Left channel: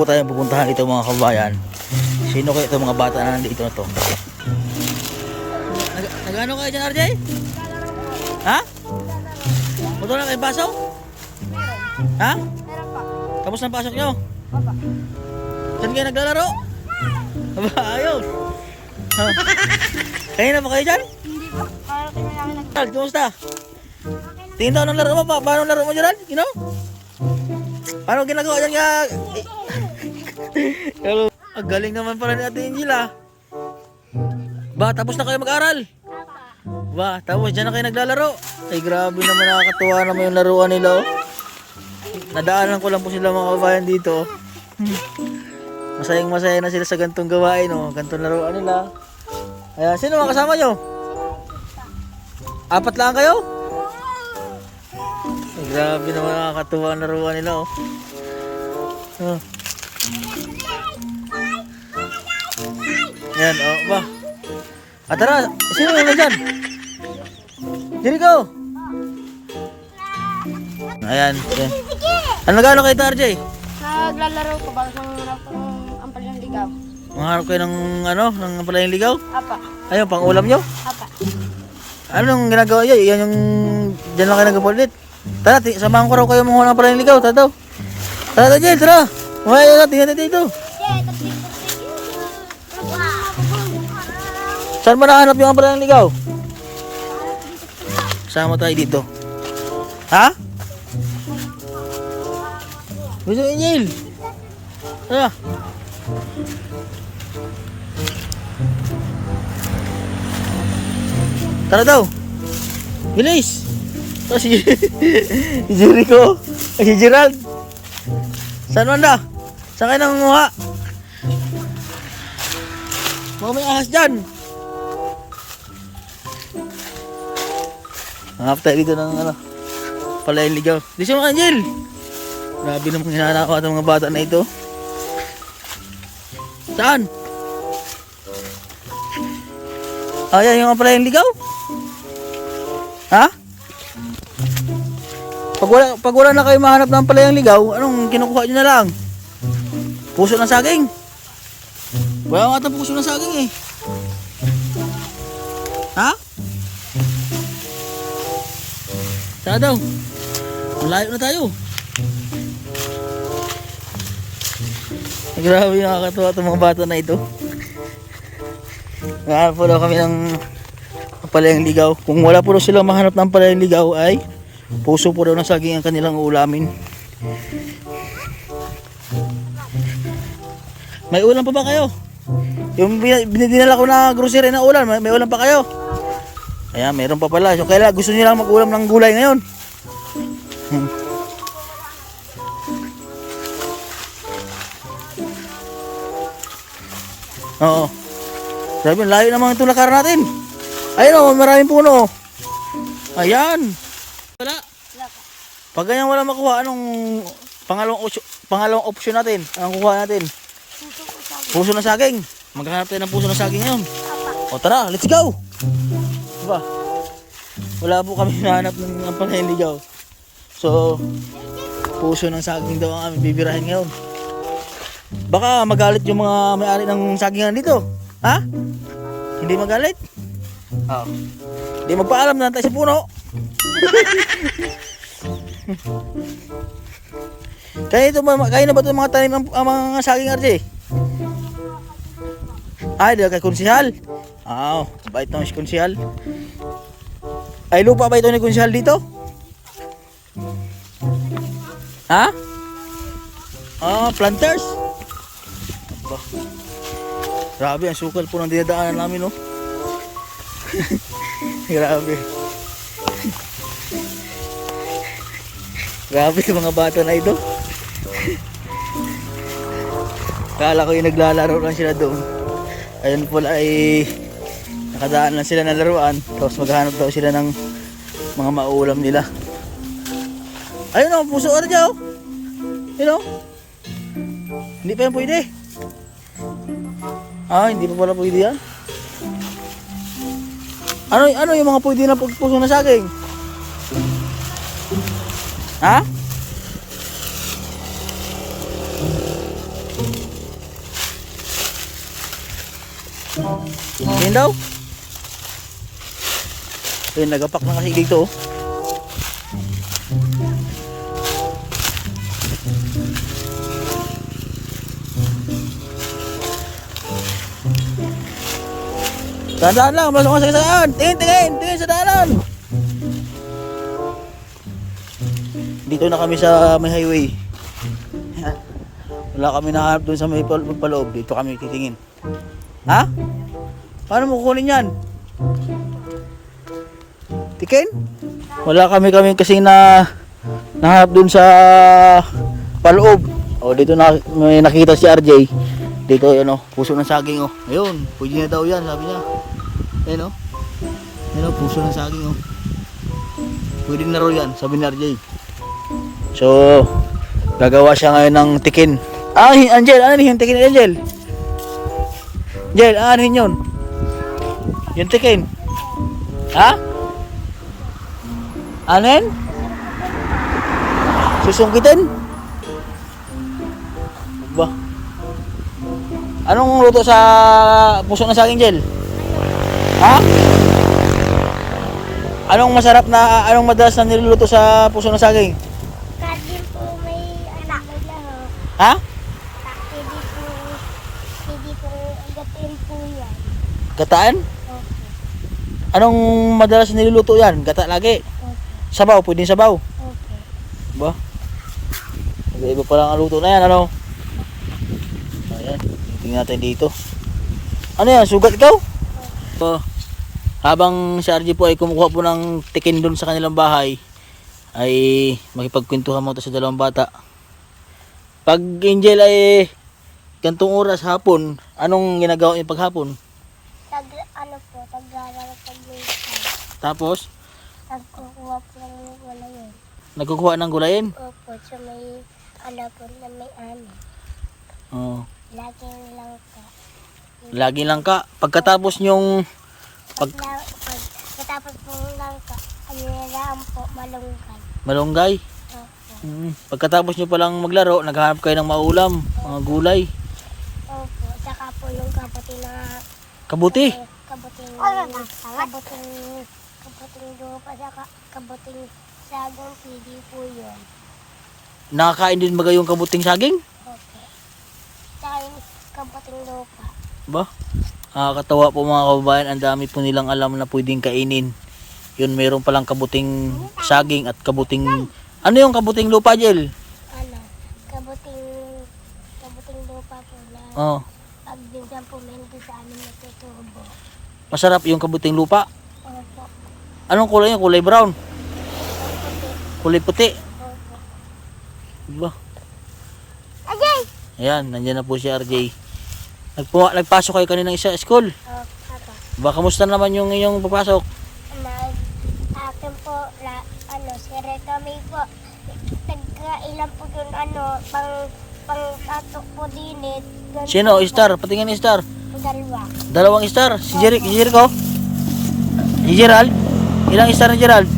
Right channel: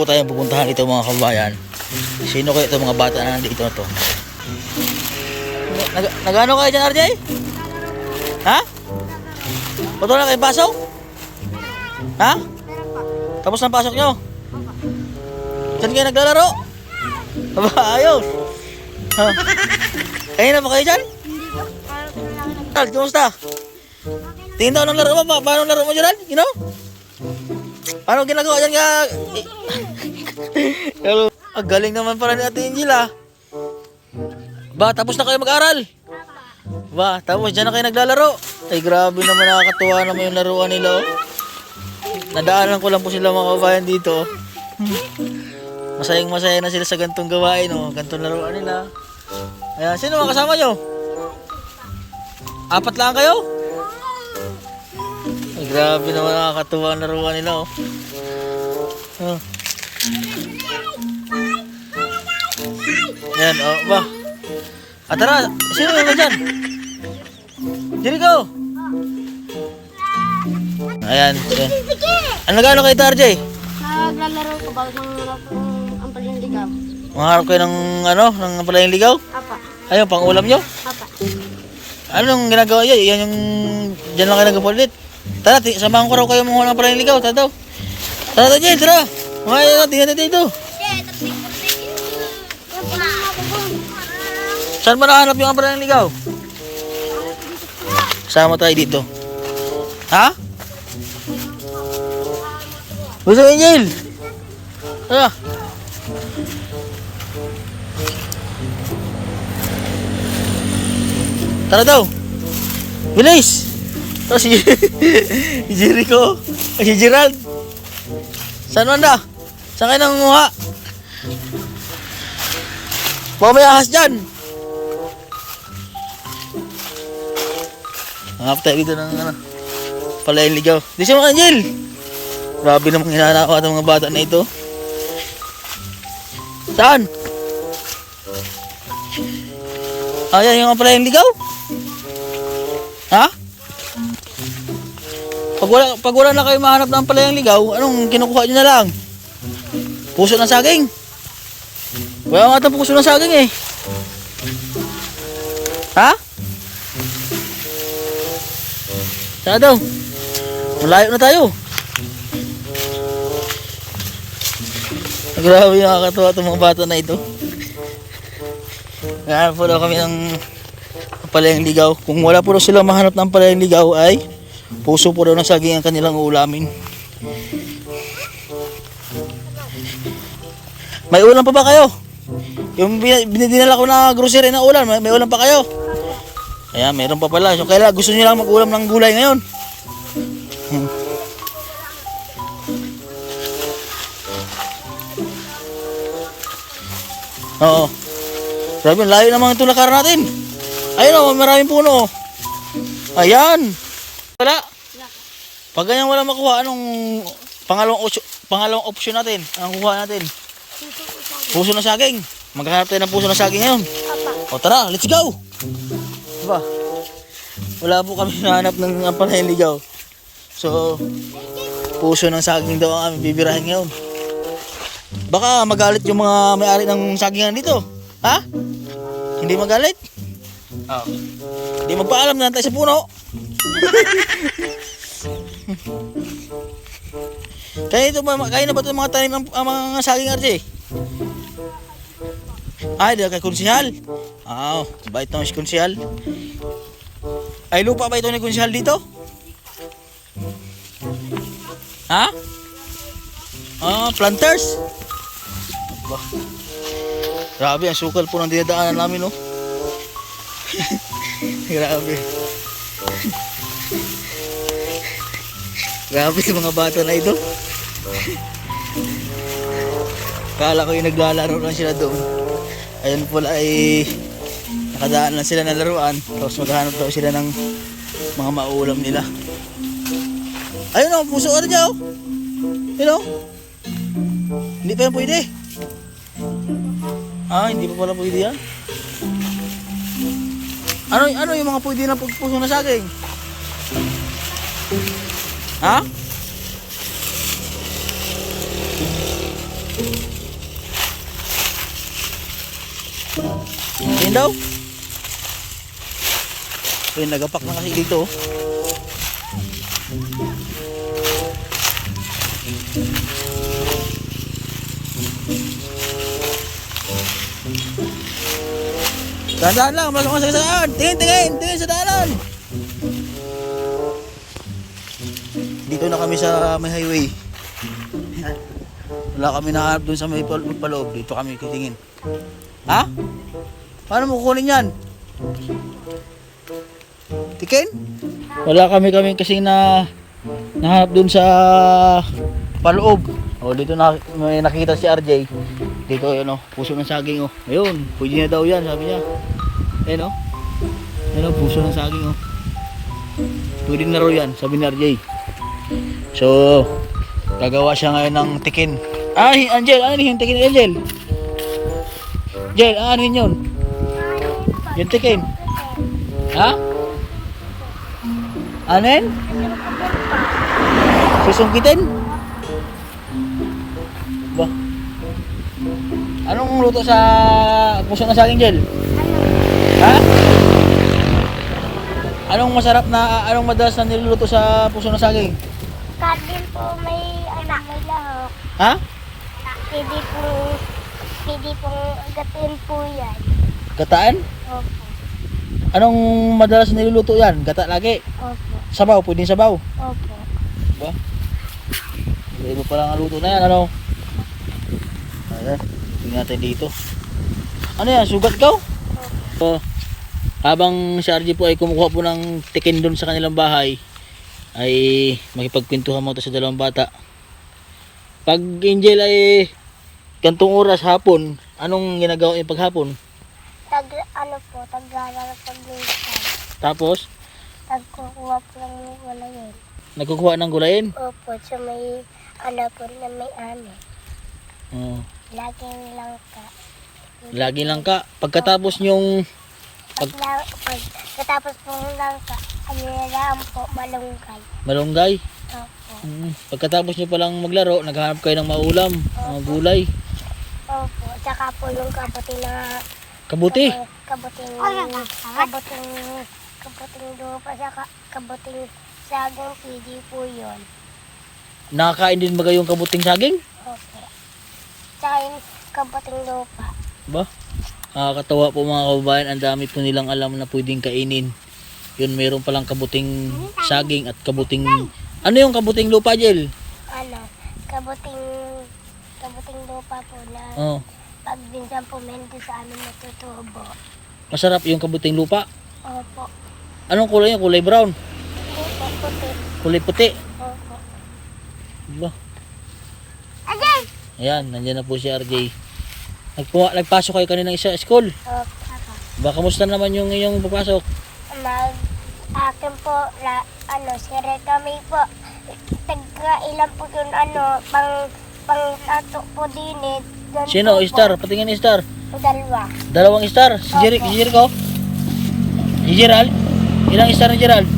po tayong pupuntahan dito mga kabayan. Sino kayo itong mga bata na nandito na to? Nagano kayo dyan, RJ? Ha? Puto na kayo pasok? Ha? Tapos na pasok nyo? Saan kayo naglalaro? Aba, ayos. Ha? Kayo na ba kayo dyan? Tal, kumusta? Tingin daw ng laro mo pa. Paano laro mo dyan? You know? Ano ginagawa dyan ka? Ang galing naman pala ni Ate Angel ah. Ba, tapos na kayo mag-aral? Ba, tapos dyan na kayo naglalaro? Ay grabe naman, nakakatuwa naman yung laruan nila oh. Nadaanan ko lang po sila mga kabayan dito. Masayang masaya na sila sa gantong gawain oh. Gantong laruan nila. Ayan, sino mga kasama nyo? 4 lang kayo? Ay, grabe naman, nakakatuwa ang laruan nila oh. Oh. Yan, oh, ba? Tara, sino yung dyan? Jericho! Ayan, yan. Ano gano'n kayo ito, RJ? Naglalaro ko bago mangarap ng ampalayang ligaw. Mangarap kayo ng, ano, ng ampalayang ligaw? Apa. Ayun, pang ulam nyo? Apa. Anong ginagawa nyo? Yan yung, dyan lang kayo nagpapalit. Tara, samahan ko raw kayo mga ng ampalayang ligaw. Tara daw. Tara, Jel, tara. Ngayon, tingnan natin ito. Saan mo nahanap yung ampalayang ligaw? Sama tayo dito. Ha? Gusto Angel? Tara. Tara daw. Bilis. Tara si Jericho. Si Gerald. Saan man da? Saan kayo nangunguha? Baka may ahas dyan. Hangap tayo dito ng ano, palayang ligaw. Dito mo Angel. Grabe namang hinanakaw ng mga bata na ito. Saan? Ayan yung palayang ligaw. Ha? Pag wala na kayo mahanap ng palayang ligaw, anong kinukuha nyo na lang? Puso ng saging. Wala nga ito puso ng saging eh. Ha? Saan daw? Malayo na tayo. Grabe, nakakatuwa itong mga bata na ito. Ngayon po daw kami ng palayang ligaw. Kung wala po daw sila mahanap ng palayang ligaw ay puso po daw ng saging ang kanilang ulamin. May ulam pa ba kayo? Yung binidinala ko na grocery na ulam, may ulam pa kayo? Ayan, meron pa pala. So, kaya gusto nyo lang mag-ulam ng gulay ngayon. Oo. Grabe, layo naman itong lakar natin. Ayun o, maraming puno. Ayan. Wala. Pag ganyan wala makuha, anong pangalawang option natin? Anong kuha natin? Puso ng saging. Maghahanap tayo ng puso ng saging ngayon. O tara, let's go! Diba? Wala po kami nahanap ng ampalayang ligaw. So, puso ng saging daw ang aming bibirahin ngayon. Baka magalit yung mga may-ari ng sagingan dito. Ha? Hindi magalit? Oo. Hindi magpaalam na tayo sa puno. Kaya na ba ito mga tanim ang mga saging RJ? Ay, dahil kay konsihal. Bait naman si konsihal. Ay, lupa ba ito ni konsihal dito? Ha? Planters? Aba. Grabe, ang sukal po ng dinadaanan namin, no? Grabe. Grabe sa mga bata na ito. Kala ko yung naglalaro lang sila doon. Ayun pala ay nakadaan lang sila na laruan. Tapos maghahanap daw sila ng mga maulam nila. Ayun o, puso ka na dyan o. Yun o. Hindi pa yan pwede. Hindi pa pala pwede yan. Ano yung mga pwede na puso na saging? Ha? Tingin daw. Ayun, nagapak na kasi dito. Tandaan lang, masok sa saan. Tingin sa daanan. Dito na kami sa may highway. Wala kami nahanap dun sa may paloob. Dito kami titingin. Ha? Paano mo kukunin yan? Tikin? Wala kami kasing nahanap dun sa paloob. O dito na may nakita si RJ. Dito ano, puso ng saging oh. Ayun, pwede na daw yan, sabi niya. Ayun oh. Ayun oh, puso ng saging oh. Pwede na raw yan, sabi ni RJ. So, gagawa siya ngayon ng tikin. Ah, Angel, ano yung tikin ni Angel? Angel, ano yun? Yung tikin. Ha? Anen? Susungkitin? Ba? Anong luto sa puso ng saging, Jel? Ha? Anong masarap na, anong madalas na niluluto sa puso ng saging? Kadin po may anak, may lahok. Ha? Pwede po gatin po yan. Gataan? Opo. Anong madalas na niluluto yan? Gata lagi? Opo. Sabaw? Pwedeng sabaw? Opo. Ba? Iba pa lang ang luto na yan, ano? Ayan, tingnan natin dito. Ano yan? Sugat ito? So, habang si RJ po ay kumukuha po ng tikin doon sa kanilang bahay, ay makipagkwentuhan mo ito sa dalawang bata. Pag Angel ay gantong oras hapon, anong ginagawa niya paghapon? Taglalaro sa minsan. Tapos, Nagkukuha po lang yung wala yun. nagkukuha ng gulayin? Opo, so may po na may ano. Oo. Laging lang ka. Lagi lang ka. Pagkatapos nyong Katapos po lang ka, ano lang po, malunggay. malunggay, Opo. pagkatapos nyo palang maglaro, naghahanap kayo ng maulam, mga gulay. Opo, saka po yung kabuting na Kabuti. kabuting lupa, saka kabuting saging, pwede po yun. Nakakain din ba yung kabuting saging? Opo. Saka yung kabuting lupa. Ba? Nakakatawa po mga kababayan, ang dami po nilang alam na pwedeng kainin. Yun, mayroon palang kabuting saging at kabuting... Ano yung kabuting lupa, Jel? Ano, kabuting lupa po na Oh, pag minsan po meron din sa amin natutubo. masarap yung kabuting lupa. Opo. Anong kulay yun? Kulay brown? Opo, puti. Kulay puti? Opo. Ba? Ajay! Ayan, nandiyan na po si RJ. Nagpasok kayo kanina sa school. Opo, apa. Ba, kamusta naman yung iyong papasok? Akin po, si Retami po, ilan po yun, pang tato po dinit. Sino? Star? Patingin ni Star. Dalawa. Dalawang star. Si Jericho? Si Gerald? Ilang star ni Gerald?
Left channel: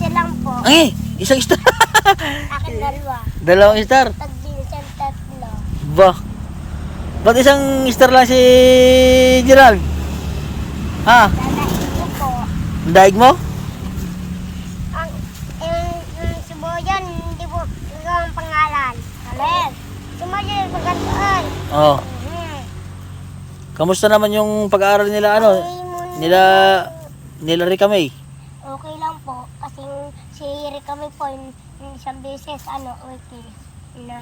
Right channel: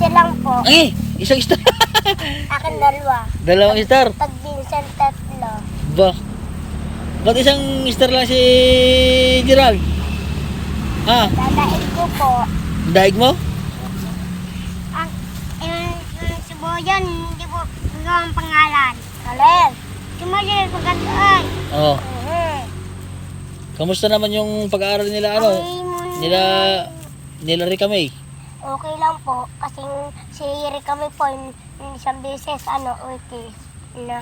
Silang po. Ay, isang star. Akin dalawa. Dalawang star. Pag minsan tatlo. Ba? Ba't isang star lang si Gerald? Ha? Dadaig ko po. Daig mo? Yung suboyan, hindi po ang pangalan. Kalen. Sumayin kung ganito ay. Oo. Kamusta naman yung pag-aaral nila nila Rika May? Okay lang po. Kasi si Rikami po, yung isang beses,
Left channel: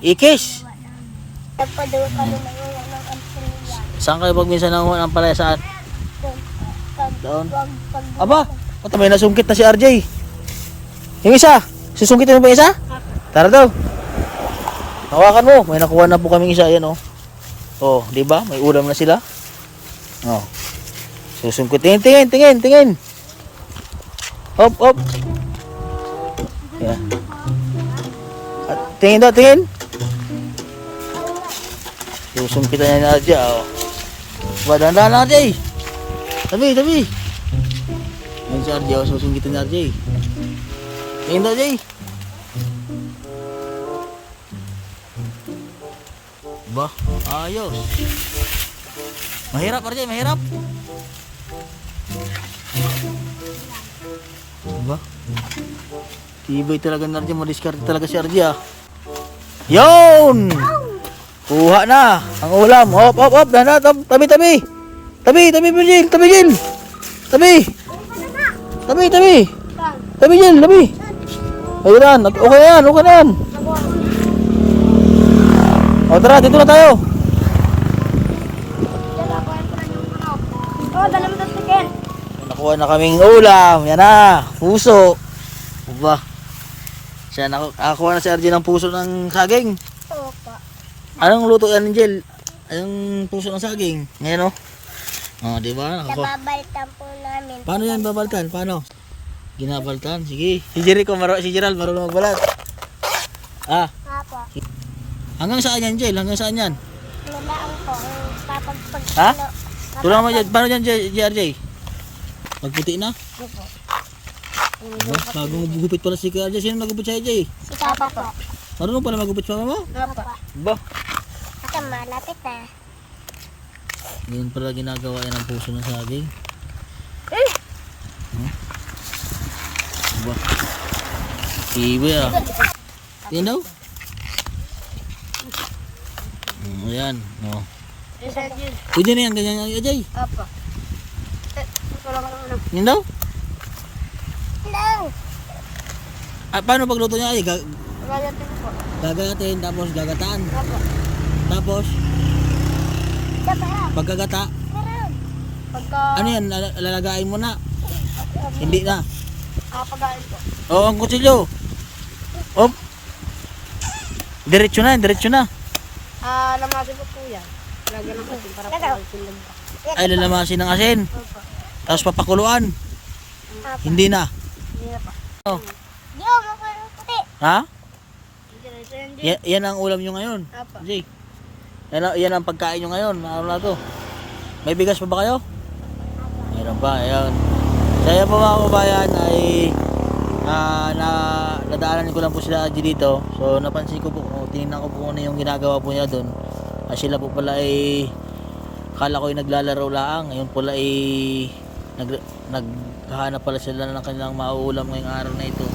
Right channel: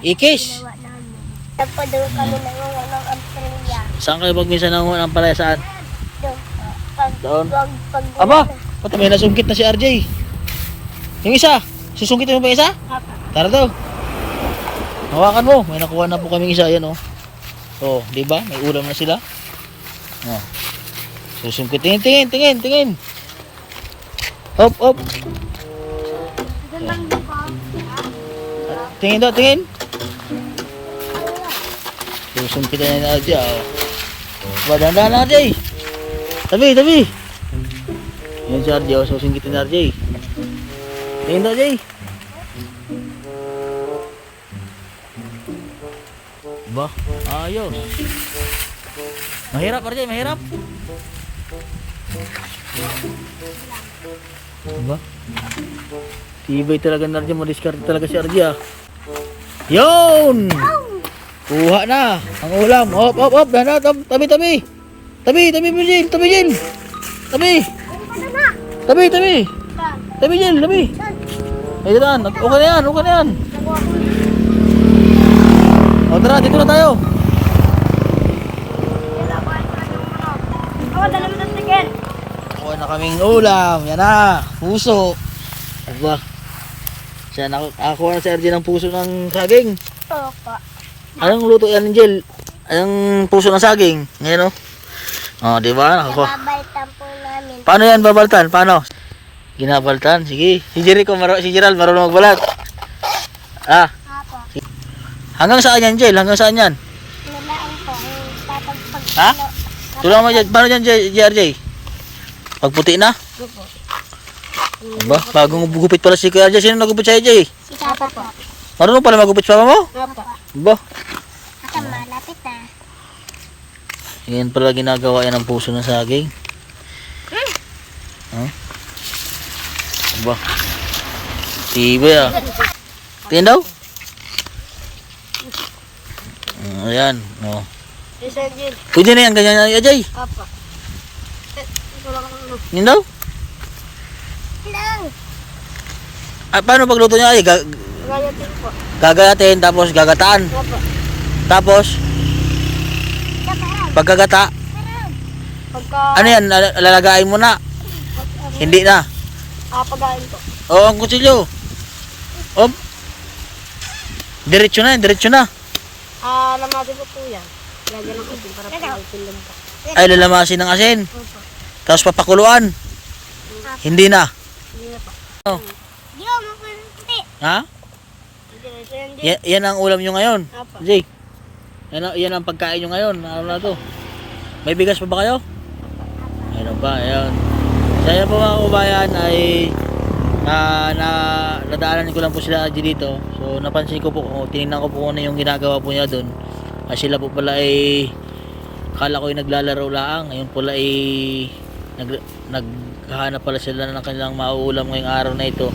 Ikis? ginawa namin. Nagpadalo kami ng Australia. Saan kayo pag minsan nanguha ng palaya saan? Doon po. Doon? Pag Aba, pati may nasungkit na si RJ. Yung isa, susungkitin mo pa yung isa? Apa. Tara daw. Hawakan mo, may nakuha na po kaming isa, yan oh. Oh, di ba? May ulam na sila. Oh. Susungkitin, tingin. Hop. Yan. Tingin daw, tingin. Susungkitan niya na RJ, oh. Dahan-dahan na RJ. Tabi. Yan si RJ, oh, susungkitin na RJ. Tingin daw, RJ. Ba, ayos. Mahirap, RJ, mahirap. Diba? Tibay talaga na RJ, madiskarte talaga si RJ ah. Yun! Kuha na ang ulam. Hop, hop, hop. Dana, tabi, tabi. Tabi, tabi, Jil. Tabi, Jil. Tabi. Tabi, tabi. Tabi, Jil. Tabi. Ayun, okay na yan, okay na yan. O tara, dito na tayo. Nakuha na kaming ulam. Yan na, puso. Diba? Siya, nakakuha na si RJ ng puso ng saging. Opo. Anong luto yan, Angel? Anong puso ng saging? Ngayon, oh. Oh, di ba? Nakakuha. Nababaltan po namin. Paano yan babaltan? Paano? Ginabaltan? Sige. Si Jericho, si Gerald, marunong magbalat. Ah, Apo. hanggang saan yan, Angel? Hanggang saan yan? Nilaan ko. Papagpag. Ha? Tulungan mo dyan. Paano dyan, JRJ? Pagputi na? Opo. Diba? Bagong gupit pala si Kuya RJ. Sino nagupit sa RJ? Si Papa po. Marunong pala magupit sa mama mo? Opo. Diba? Kasi malapit na. Yan pala ginagawa yan ng puso ng saging. Huh? Diba? Tibay ah. Tingin daw? Ayan. Oh. Sir Jil. Pwede na yan, ganyan na Ajay. Opo. Wala ka naman. Yun daw? Lang. Ah, paano pagluto niya ay Gagatin po. gagayatin tapos gagataan. Opo. Tapos Tataan. pagkagata, Pagka... ano yan, lalagain mo na. Hindi na. Pagain po. O ang kutsilyo. Op. Diretso na, diretso na. Lamasin ko po yan. Lagyan ng asin para pumalpin lang po. Ay lalamasin ng asin. Opo. Tapos papakuluan. Hindi na. Hindi na pa. Oh. Di ako puti. Ha? Hindi. Yan ang ulam nyo ngayon. Opo. Jay. Yan ang pagkain nyo ngayon. Ano na to? May bigas pa ba kayo? Ayun pa, ayun. Saya po mga kabayan ay nadaanan ko lang po sila dito. So napansin ko po, tinignan ko po ano yung ginagawa po niya doon. Sila po pala ay akala ko ay naglalaro lang. Ngayon pala ay naghahanap pala sila ng kanilang mauulam ngayong araw na ito.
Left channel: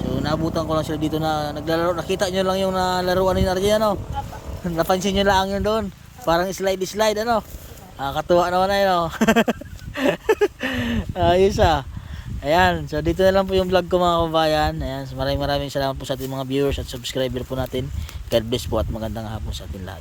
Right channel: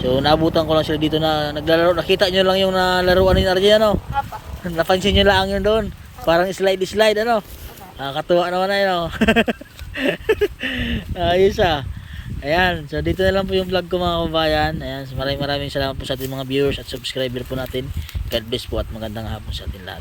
So naabutan ko lang sila dito na naglalaro. Nakita nyo lang yung nalaruan ni RJ ano? Opo. Napansin nyo lang yun doon. Parang slide ano? Katuwa naman na yun oh. Ayos ah. Ayan, so dito na lang po yung vlog ko mga kabayan. Ayan, so maraming salamat po sa ating mga viewers at subscriber po natin. God bless po at magandang hapon sa ating lahat.